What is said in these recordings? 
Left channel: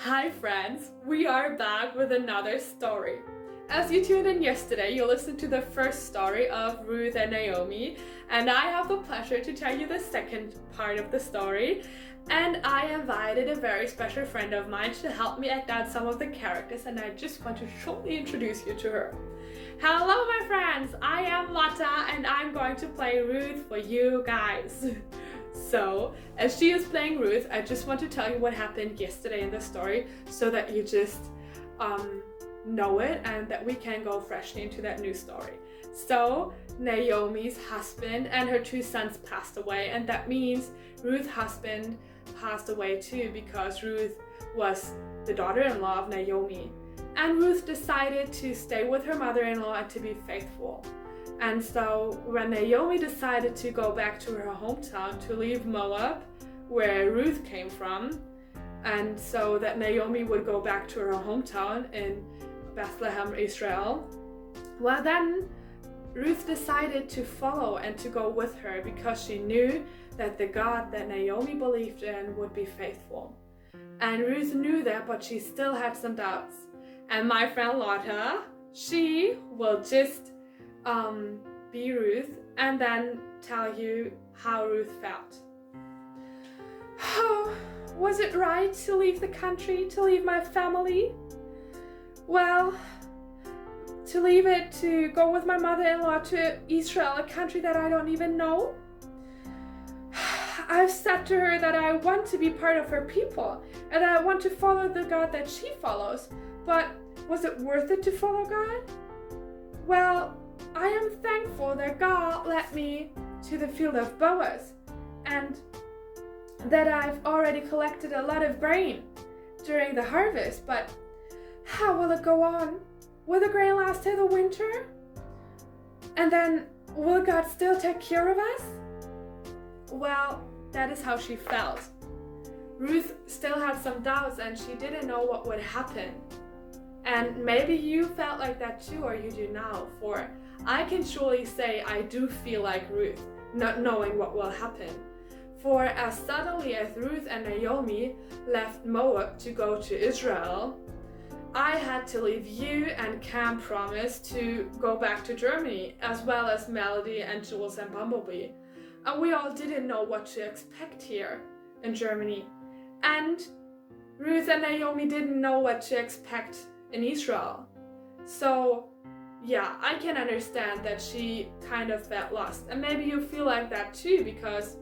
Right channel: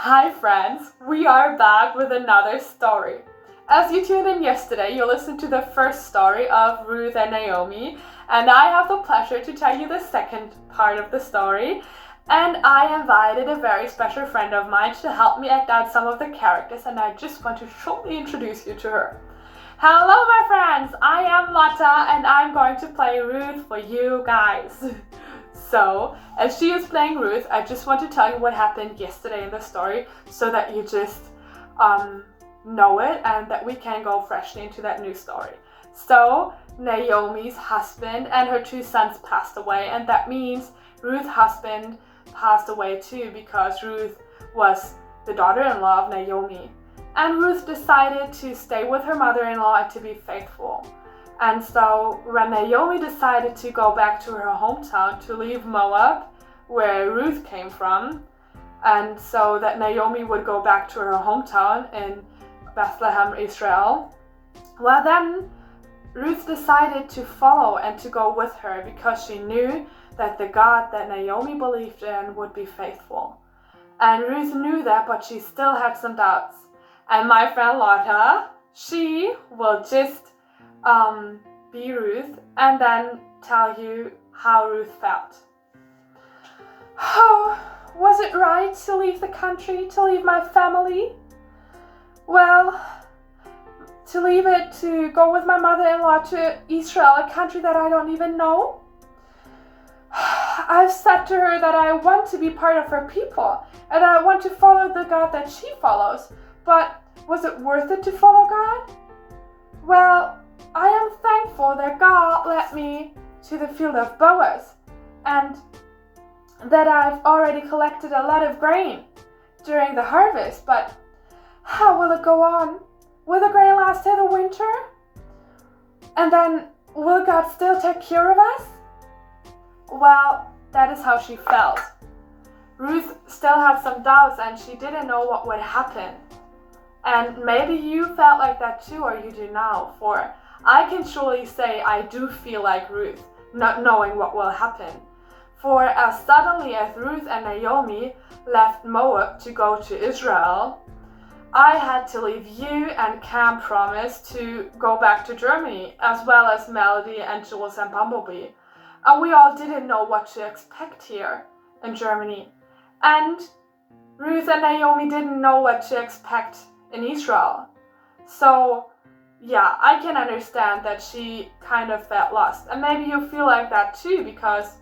Hi friends, we are back with another story. As you tuned in yesterday, you listened to the first story of Ruth and Naomi, and I have the pleasure to tell you the second part of the story. And I invited a very special friend of mine to help me act out some of the characters, and I just want to shortly introduce you to her. Hello my friends, I am Lotta and I'm going to play Ruth for you guys. So, as she is playing Ruth, I just want to tell you what happened yesterday in the story so that you just know it and that we can go freshly into that new story. So, Naomi's husband and her two sons passed away, and that means Ruth's husband passed away too because Ruth was the daughter-in-law of Naomi. And Ruth decided to stay with her mother-in-law and to be faithful. And so when Naomi decided to go back to her hometown to leave Moab, where Ruth came from, and so that Naomi would go back to her hometown in Bethlehem, Israel, well then Ruth decided to follow and to go with her because she knew that the God that Naomi believed in would be faithful. And Ruth knew that, but she still had some doubts. And my friend Lotta, she will just be Ruth and then tell you how Ruth felt. Oh, was it right to leave the country, to leave my family? Well, to leave it to go with my mother-in-law to Israel, a country that I don't even know? I've said to her that I want to be part of her people and that I want to follow the God that she follows, but was it worth it to follow God? Well, I am thankful that God led me to the field of Boaz and that I've already collected a lot of grain during the harvest, but how will it go on? Will the grain last till the winter? And then will God still take care of us? Well, that is how she felt. Ruth still had some doubts and she didn't know what would happen. And maybe you felt like that too, or you do now, for I can surely say I do feel like Ruth, not knowing what will happen. For as suddenly as Ruth and Naomi left Moab to go to Israel, I had to leave you and Cam promised to go back to Germany, as well as Melody and Jules and Bumblebee. And we all didn't know what to expect here in Germany. And Ruth and Naomi didn't know what to expect in Israel. So yeah, I can understand that she kind of felt lost. And maybe you feel like that too because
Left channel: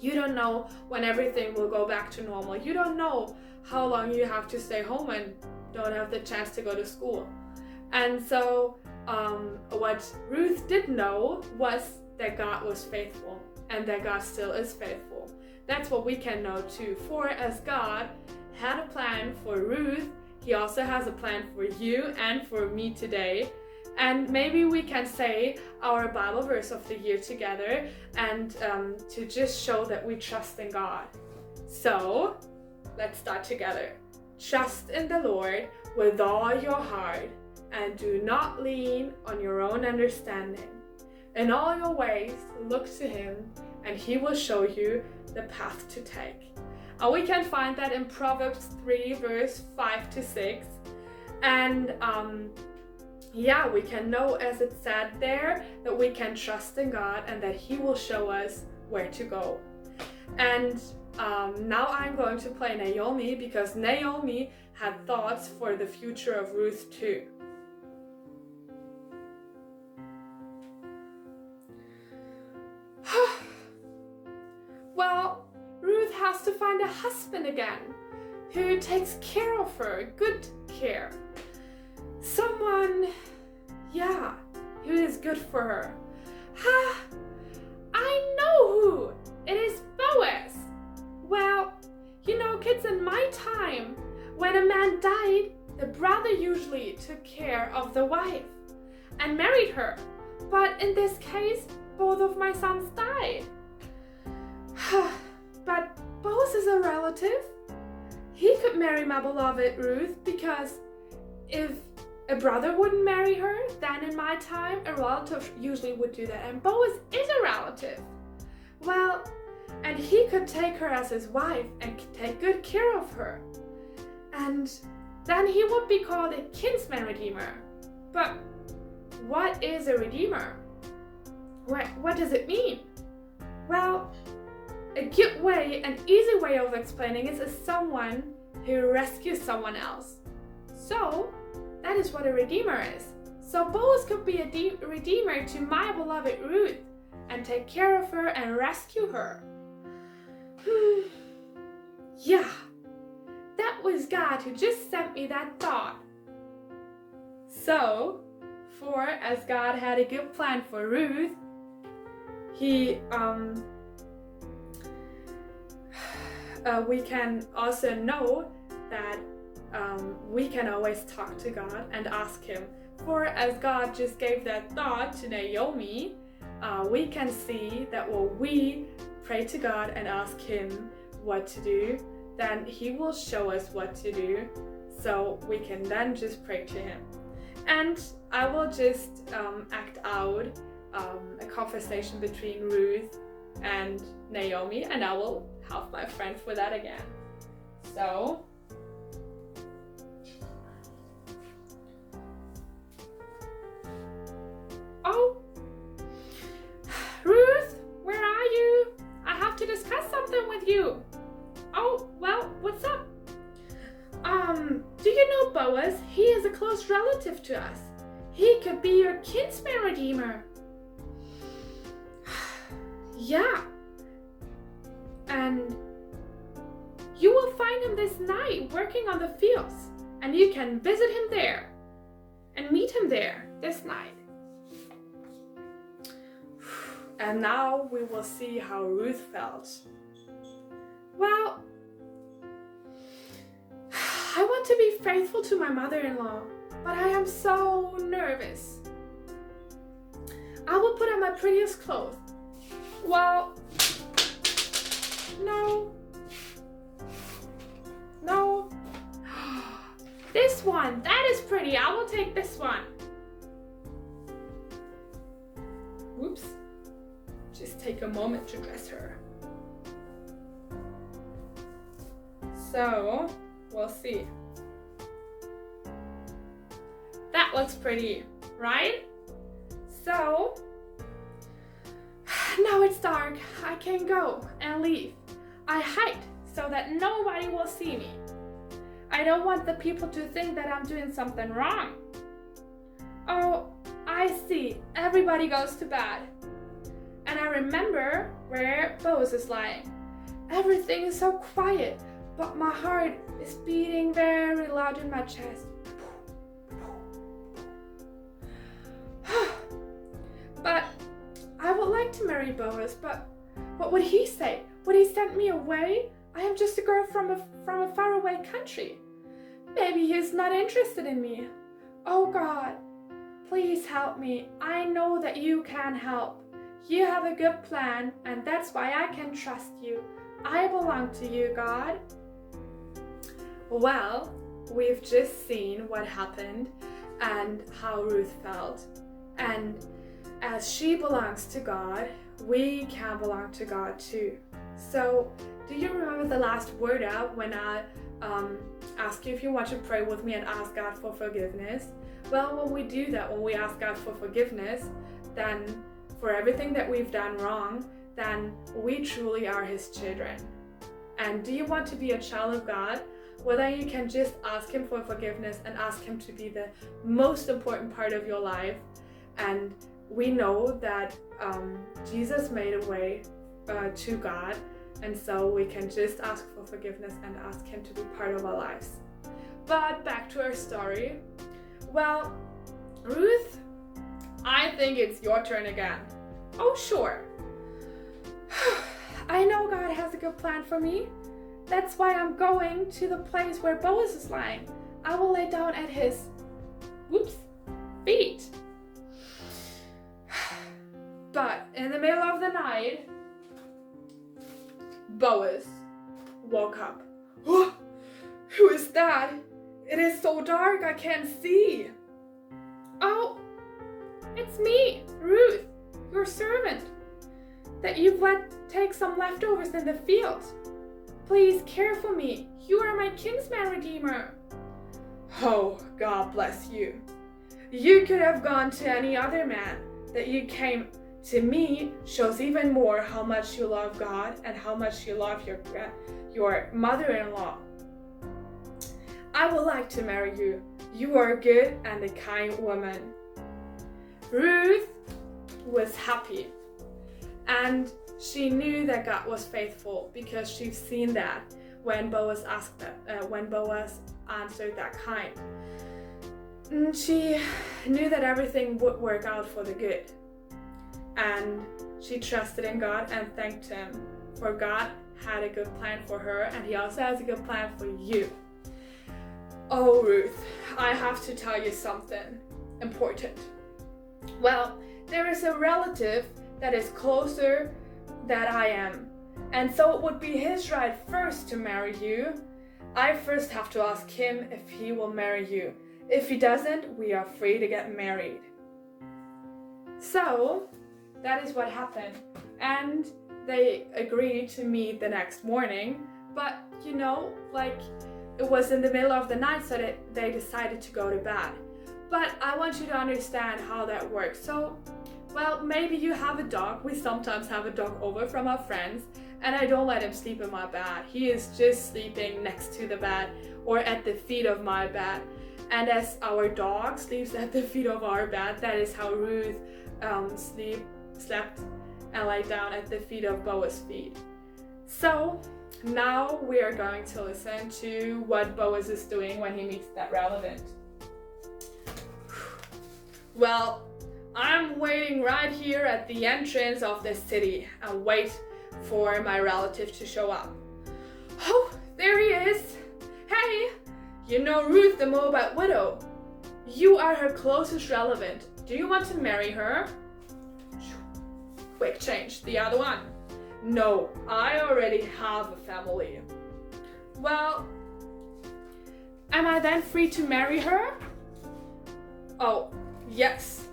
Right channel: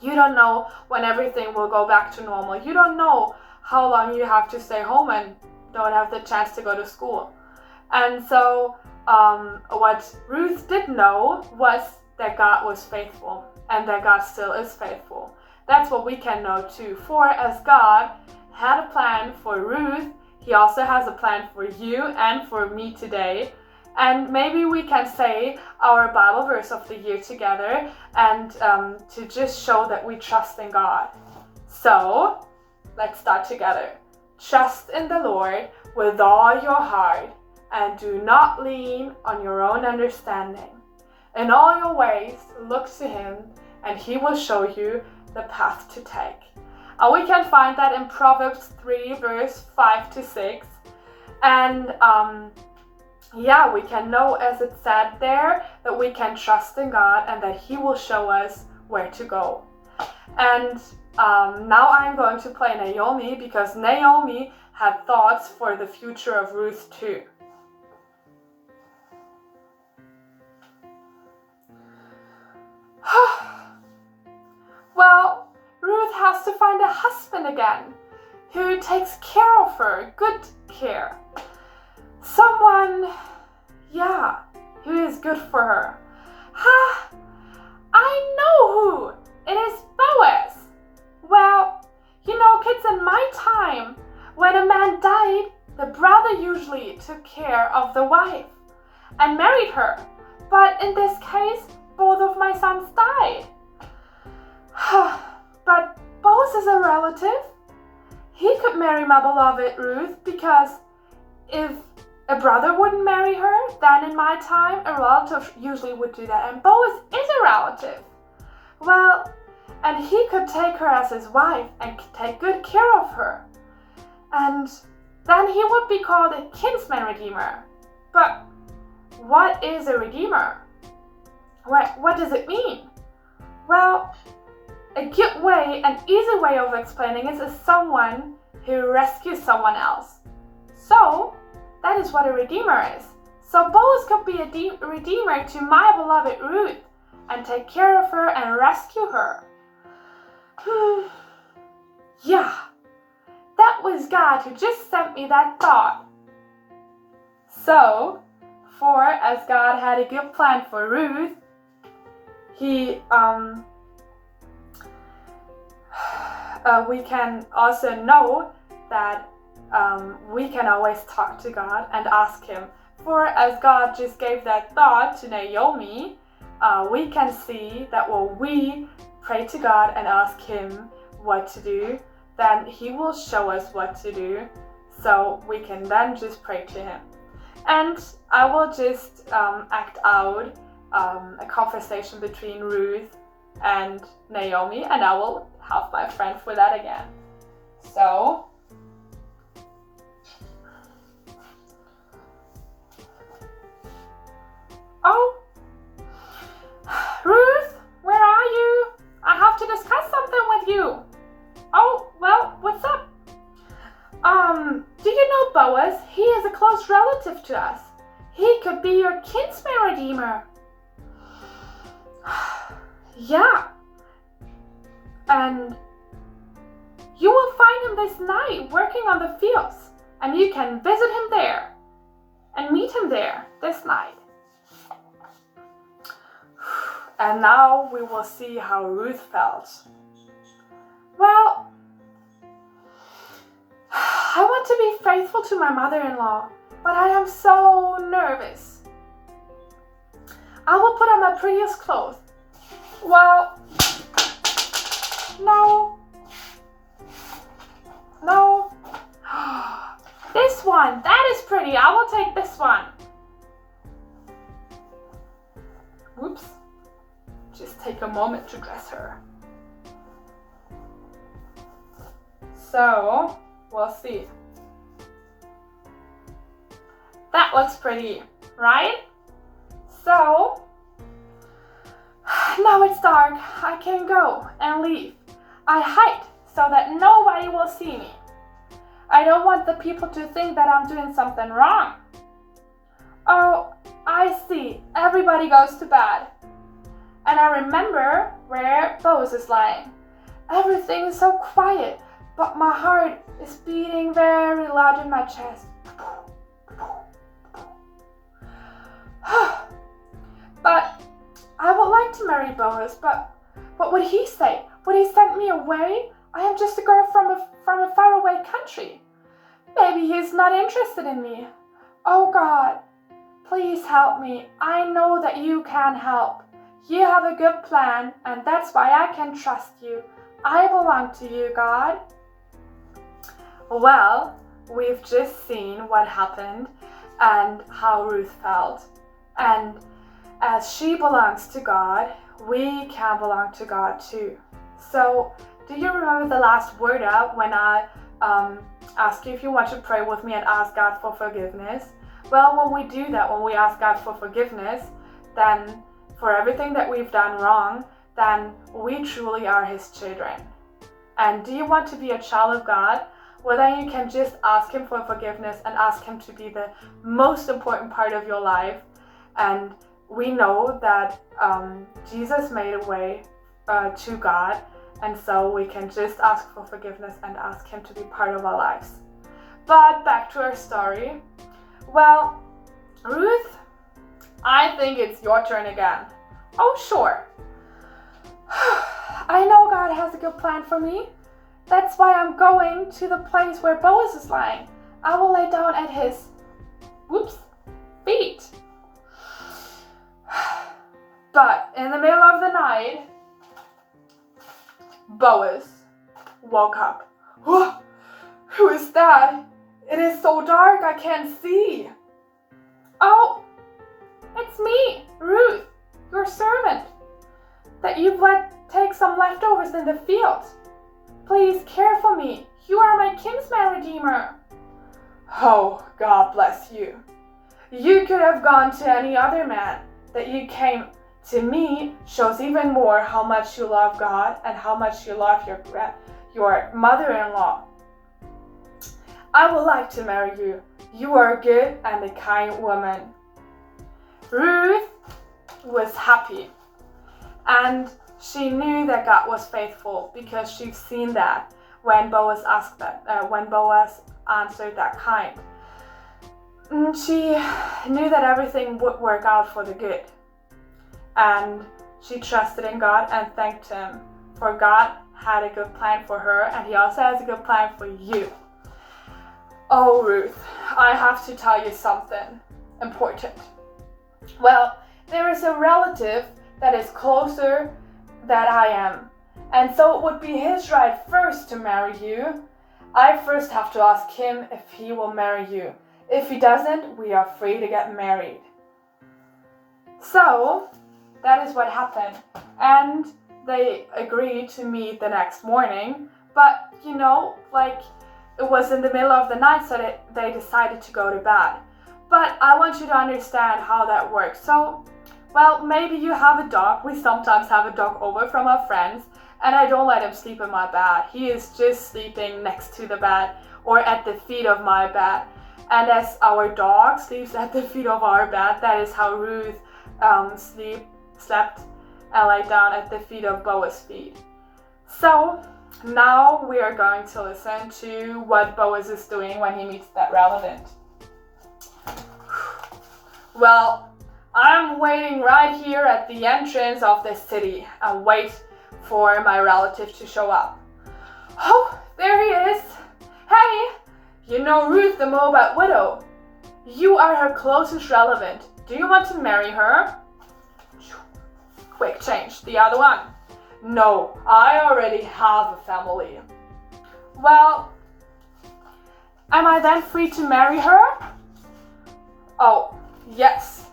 you don't know when everything will go back to normal. You don't know how long you have to stay home and don't have the chance to go to school. And so what Ruth did know was that God was faithful and that God still is faithful. That's what we can know too. For as God had a plan for Ruth, He also has a plan for you and for me today. And maybe we can say our Bible verse of the year together and to just show that we trust in God. So let's start together. Trust in the Lord with all your heart and do not lean on your own understanding. In all your ways, look to Him and He will show you the path to take. We can find that in Proverbs 3 verse 5 to 6. And we can know, as it said there, that we can trust in God and that He will show us where to go. And now I'm going to play Naomi because Naomi had thoughts for the future of Ruth too. Well, Ruth has to find a husband again who takes care of her, good care. Someone, who is good for her. I know who! It is Boaz! Well, kids, in my time, when a man died, the brother usually took care of the wife and married her. But in this case, both of my sons died. But Boaz is a relative. He could marry my beloved Ruth because if a brother wouldn't marry her, then in my time, a relative usually would do that. And Boaz is a relative. Well, and he could take her as his wife and take good care of her. and then he would be called a kinsman redeemer. But what is a redeemer? What does it mean? Well, a good way, an easy way of explaining it is someone who rescues someone else. So, that is what a redeemer is. So Boaz could be a redeemer to my beloved Ruth and take care of her and rescue her. Yeah, that was God who just sent me that thought. So, as God had a good plan for Ruth, we can also know that we can always talk to God and ask Him. For as God just gave that thought to Naomi, we can see that when we pray to God and ask Him what to do, then He will show us what to do, so we can then just pray to Him. And I will just act out a conversation between Ruth and Naomi, and I will have my friend for that again. So, oh, Ruth, where are you? I have to discuss something with you. Oh, well, what's up? Do you know Boaz? He is a close relative to us. He could be your kinsman redeemer. Yeah. And you will find him this night working on the fields, and you can visit him there and meet him there this night. And now we will see how Ruth felt. Well, I want to be faithful to my mother-in-law, but I am so nervous. I will put on my prettiest clothes. Well, no. This one, that is pretty. I will take this one. Whoops. Just take a moment to dress her. So, we'll see. That looks pretty, right? So, now it's dark. I can go and leave. I hide so that nobody will see me. I don't want the people to think that I'm doing something wrong. Oh, I see. Everybody goes to bed. And I remember where Boaz is lying. Everything is so quiet, but my heart is beating very loud in my chest. But I would like to marry Boaz, but what would he say? Would he send me away? I am just a girl from a faraway country. Maybe he's not interested in me. Oh God, please help me. I know that you can help. You have a good plan, and that's why I can trust you. I belong to you, God. Well, we've just seen what happened and how Ruth felt. And as she belongs to God, we can belong to God too. So, do you remember the last word up when I asked you if you want to pray with me and ask God for forgiveness? Well, when we do that, when we ask God for forgiveness, then for everything that we've done wrong, then we truly are His children. And do you want to be a child of God? Well, then you can just ask Him for forgiveness and ask Him to be the most important part of your life. And we know that Jesus made a way to God, and so we can just ask for forgiveness and ask Him to be part of our lives. But back to our story. Well, Ruth, I think it's your turn again. Oh, sure. I know God has a good plan for me. That's why I'm going to the place where Boaz is lying. I will lay down at his, feet. But in the middle of the night, Boaz woke up. Who is that? It is so dark, I can't see. Oh, it's me, Ruth, your servant, that you've let take some leftovers in the field. Please care for me. You are my kinsman redeemer." "Oh, God bless you. You could have gone to any other man. That you came to me shows even more how much you love God and how much you love your mother-in-law. I would like to marry you. You are a good and a kind woman." Ruth was happy, and she knew that God was faithful because she'd seen that when Boaz answered that kind. And she knew that everything would work out for the good, and she trusted in God and thanked Him, for God had a good plan for her, and He also has a good plan for you. Oh, Ruth, I have to tell you something important. Well, there is a relative that is closer than I am, and so it would be his right first to marry you. I first have to ask him if he will marry you. If he doesn't, we are free to get married. So that is what happened, and they agreed to meet the next morning, but it was in the middle of the night, so they decided to go to bed. But I want you to understand how that works. So, maybe you have a dog. We sometimes have a dog over from our friends, and I don't let him sleep in my bed. He is just sleeping next to the bed or at the feet of my bed. And as our dog sleeps at the feet of our bed, that is how Ruth slept and lay down at the feet of Boaz's feet. So now we are going to listen to what Boaz is doing when he meets that relative. "Well, I'm waiting right here at the entrance of the city and wait for my relative to show up." "Oh, there he is. Hey, you know Ruth, the Moabite widow. You are her closest relative. Do you want to marry her?" Quick change, the other one. "No, I already have a family." "Well, am I then free to marry her?" "Oh, yes.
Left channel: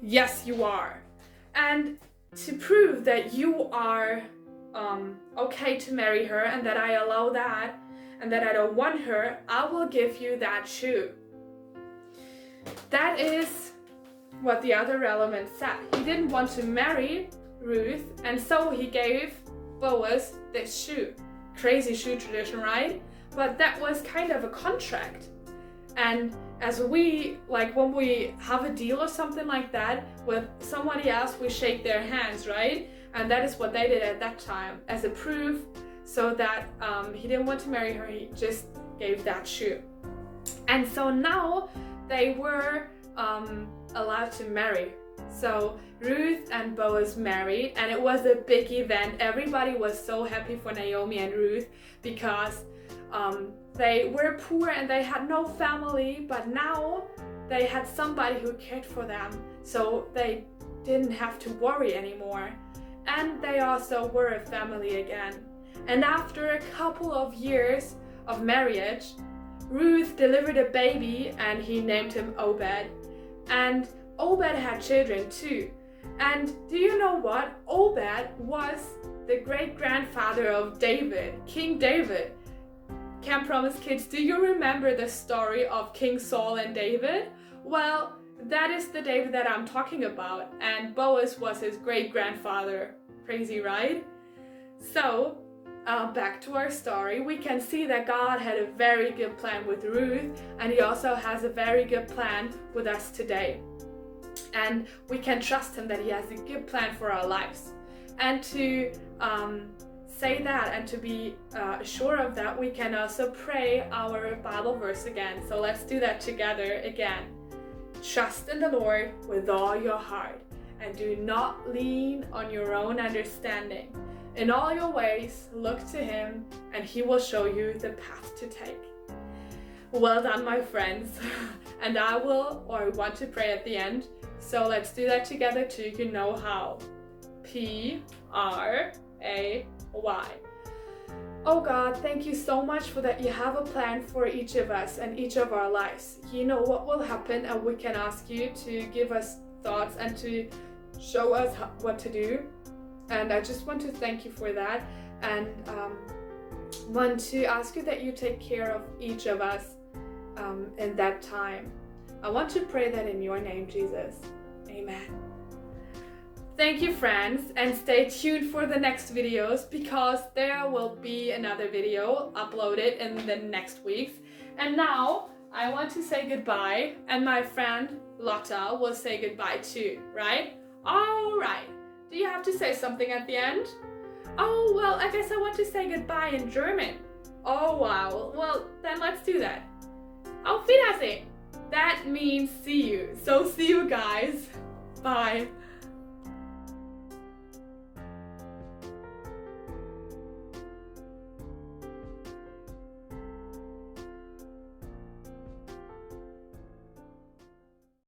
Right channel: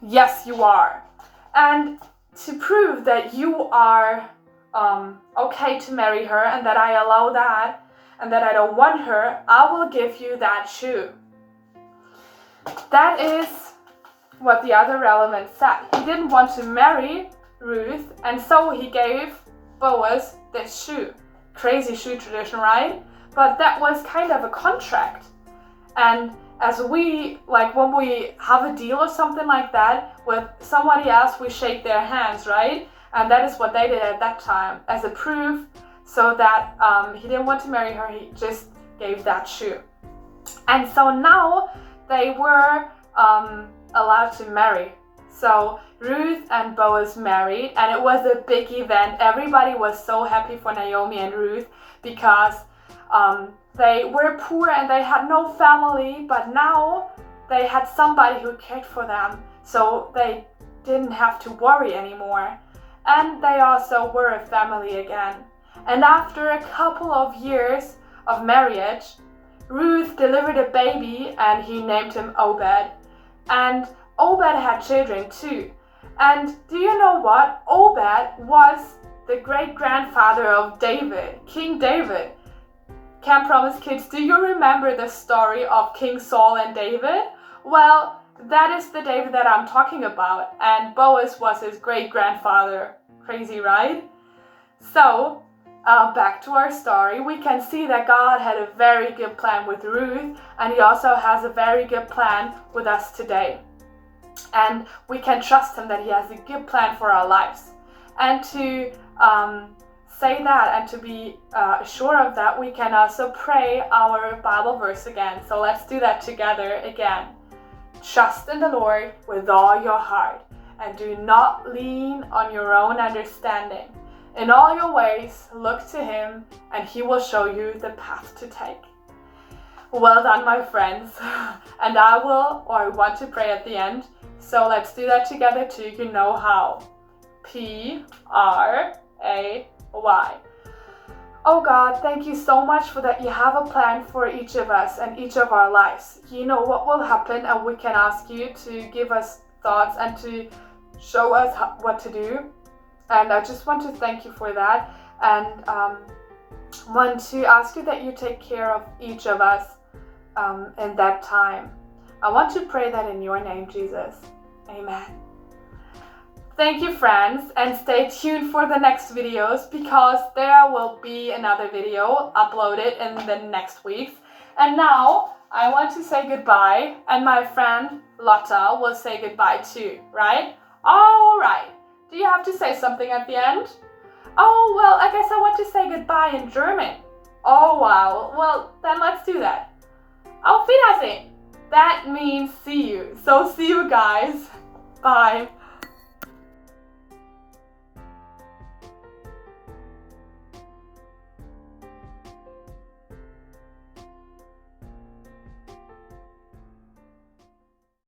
Yes, you are. And to prove that you are okay to marry her and that I allow that and that I don't want her, I will give you that shoe." That is what the other relative said. He didn't want to marry Ruth, and so he gave Boaz this shoe. Crazy shoe tradition, right? But that was kind of a contract. And as when we have a deal or something like that with somebody else, we shake their hands, right? And that is what they did at that time as a proof, so that he didn't want to marry her, he just gave that shoe. And so now they were allowed to marry. So Ruth and Boaz married, and it was a big event. Everybody was so happy for Naomi and Ruth because they were poor and they had no family, but now they had somebody who cared for them, so they didn't have to worry anymore. And they also were a family again. And after a couple of years of marriage, Ruth delivered a baby and he named him Obed. And Obed had children too. And do you know what? Obed was the great-grandfather of David, King David. Can't promise kids, do you remember the story of King Saul and David? Well, that is the David that I'm talking about, and Boaz was his great-grandfather. Crazy, right? So, back to our story, we can see that God had a very good plan with Ruth, and He also has a very good plan with us today. And we can trust Him that He has a good plan for our lives. And to say that and to be sure of that, we can also pray our Bible verse again. So let's do that together again. Trust in the Lord with all your heart, and do not lean on your own understanding. In all your ways, look to Him, and He will show you the path to take. Well done, my friends. And I want to pray at the end. So let's do that together too. You know how. Pray. Oh God, thank you so much for that you have a plan for each of us and each of our lives. You know what will happen, and we can ask you to give us thoughts and to show us what to do. And I just want to thank you for that. And want to ask you that you take care of each of us in that time. I want to pray that in your name, Jesus. Amen. Thank you, friends, and stay tuned for the next videos because there will be another video uploaded in the next weeks. And now I want to say goodbye, and my friend Lotta will say goodbye too, right? All right. Do you have to say something at the end? Oh, well, I guess I want to say goodbye in German. Oh, wow. Well, then let's do that. Auf Wiedersehen. That means see you. So see you guys. Bye.